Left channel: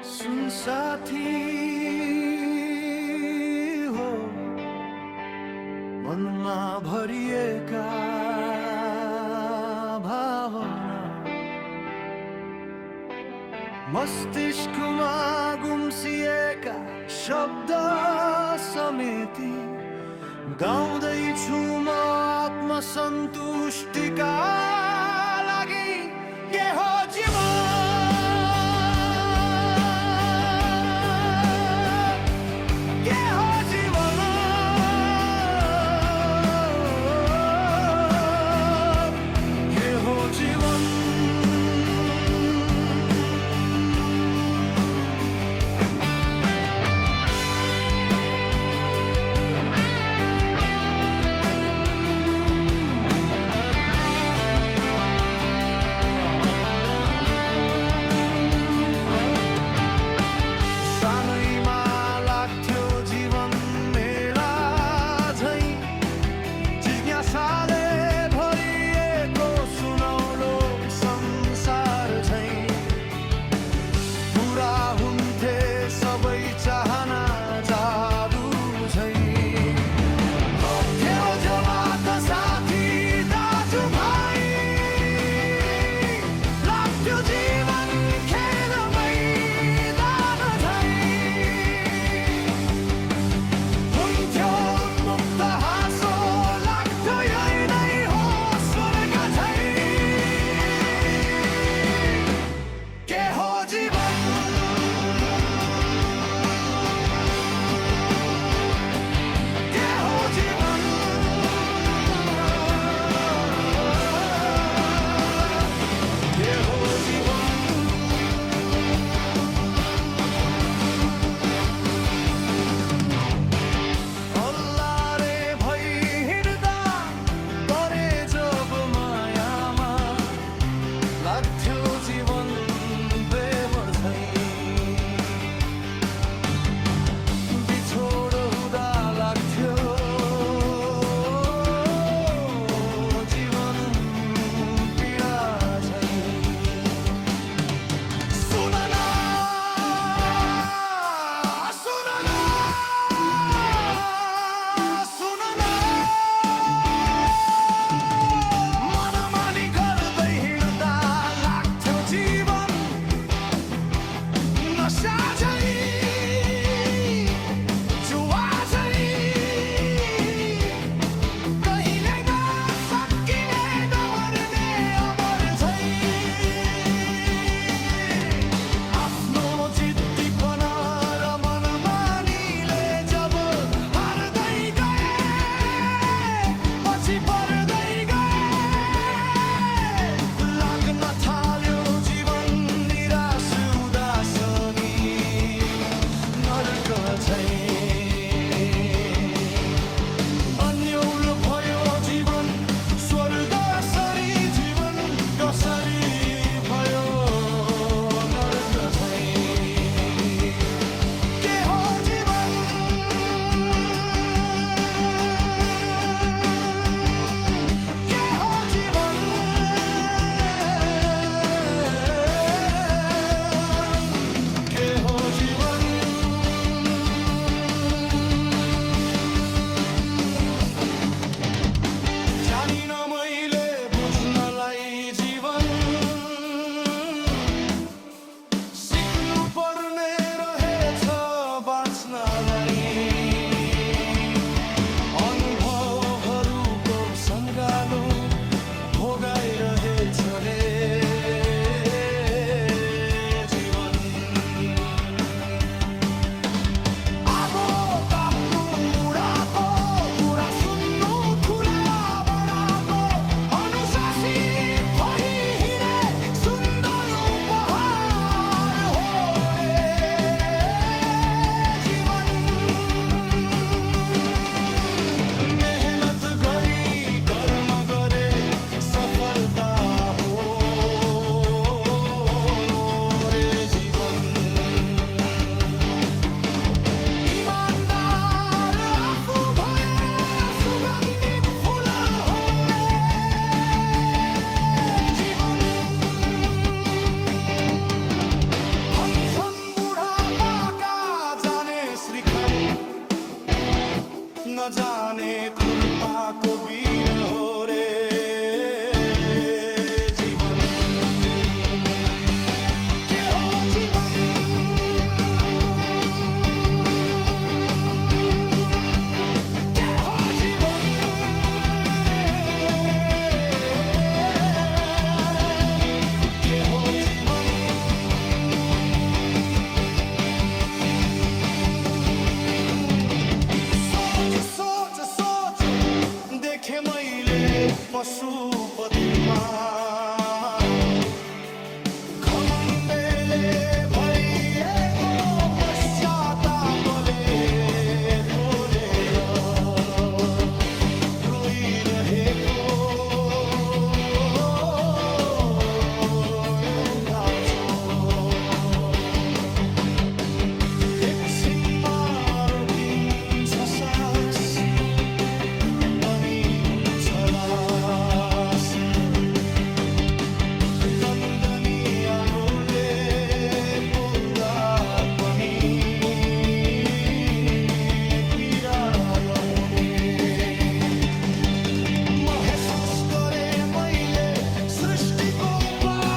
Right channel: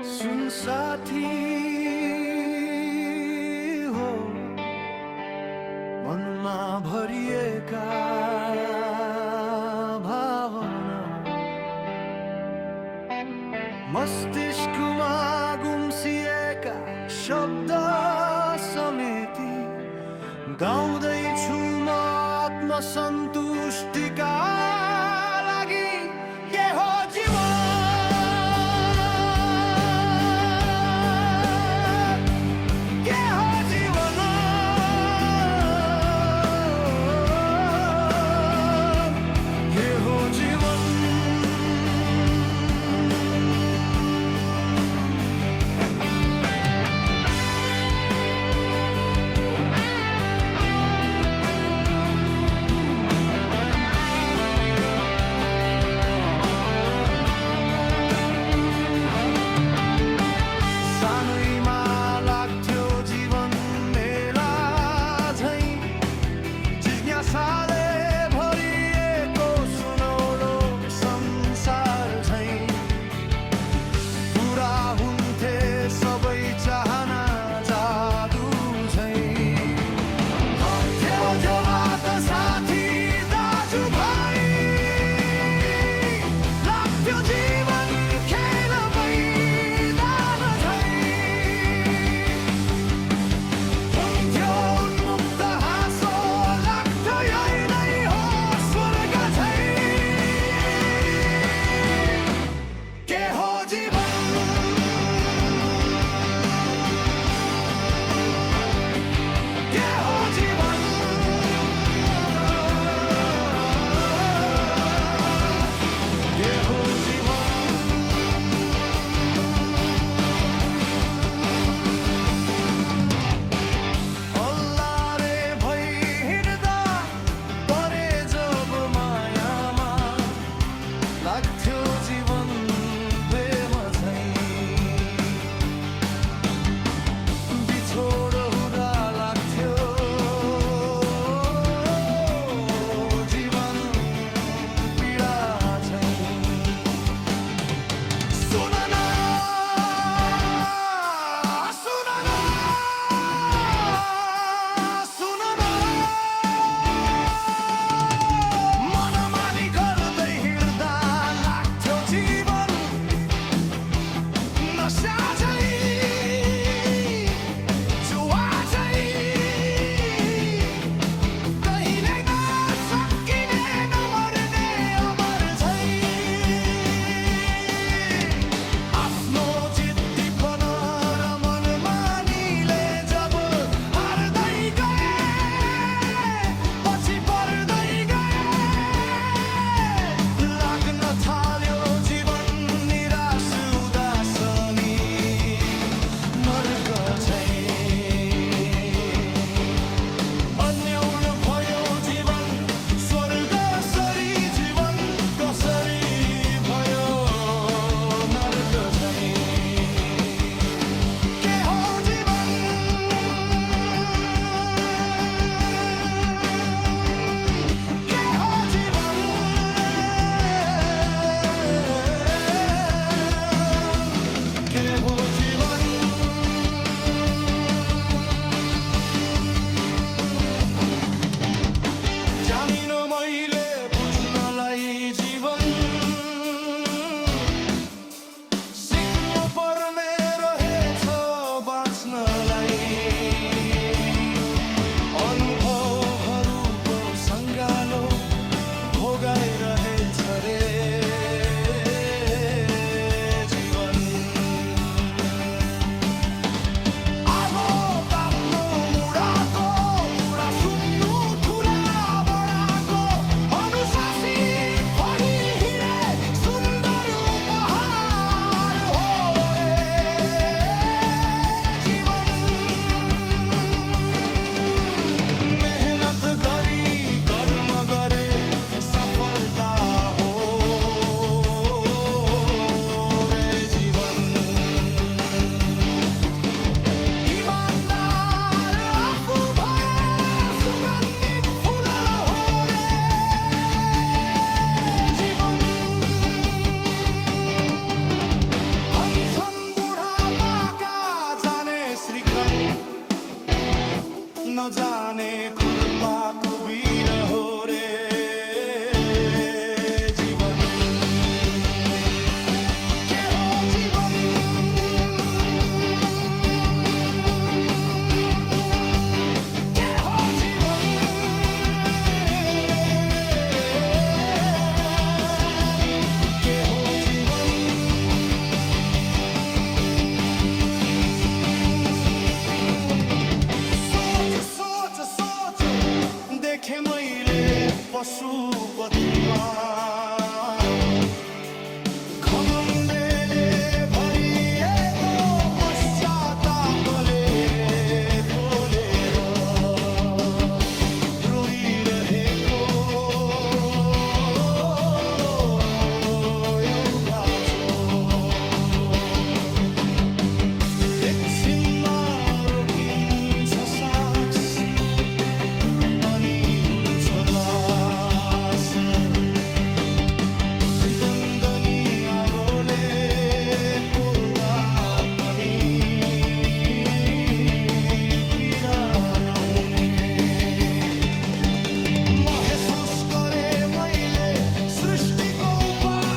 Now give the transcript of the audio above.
सुन साथी हो मनमा भरिएका भावना मस्तिष्कमा गुम्सिएका शब्द समेती गाउँदैछु म आत्मसन्तुष्टिका लागि। के हो जीवन, के हो जीवन, के हो जीवन। सानैमा लाग्थ्यो जीवन मेला झैं, जिज्ञासाले भरिएको सुनौलो संसार झैं। पुरा हुन्थे सबै चाहना जादु झैं। थियो जमात साथी दाजुभाइ, लाग्थ्यो जीवन खेल मैदान झैं। हुन्थ्यो उन्मुक्त हाँसो, लाग्थ्यो यही नै हो स्वर्ग झैं। के हो जीवन, के हो जीवन, के हो जीवन। अल्लारे भई हिँड्दा परे जब मायामा, लाग्थ्यो जीवन प्रेम झैं। बिछोड हुँदा लाग्थ्यो जीवन पीडा झैं। सुन न, सुन न, सुन न, मनमानी गर्दै हिँड्दा लाग्थ्यो जीवन नशा झैं, जुवा झैं। कहिल्यै नसकिने नमर्ने अमर झैं। आफ्नो जिद्दीपन र मनमानीले जब हार्दै गए, पछि पर्दै गए, लाग्न थाल्यो जीवन निराश उदासनी नर्क झैं। अन्यल भयो जीवन स्वर्ग सरी, जीवन कसरी भयो नर्क झैं। के हो जीवन, के हो जीवन, के हो जीवन। जानिन मैले बुझ्नलाई जीवन, सिक्नु पर्ने रहेछ बाँच्नलाई। अनुभवहरूको सङ्गालो भोगाइरहेछ रे जीवन। आगो ताप्नु मुडाको कुरा सुन्नु ठुला बडाको, अनुशासित भई हिँडे सुन्दर उपहार हो रे जीवन। मेहनत गरी कर्म गरे सफलता हो रे जीवन। इमानदार आफू भयो सुगन्धित फुल हो रे जीवन। भन्छन् बुढा नजाने खुर्पाको बिरह रे जीवन के हो जीवन के हो जीवन के हो जीवन सोच सोच सोच देखे मैले पशुपतिमा घमण्डले भरिएको पश्चातापले पोलेर रोइरहेको एउटा छ एकछिनमा रोकिन्छ सास अनि हुन्छ लास दन्दनी आगोले पोल्दा पनि पीडा नहुने महसुस गरे मैले सृष्टिको उपाय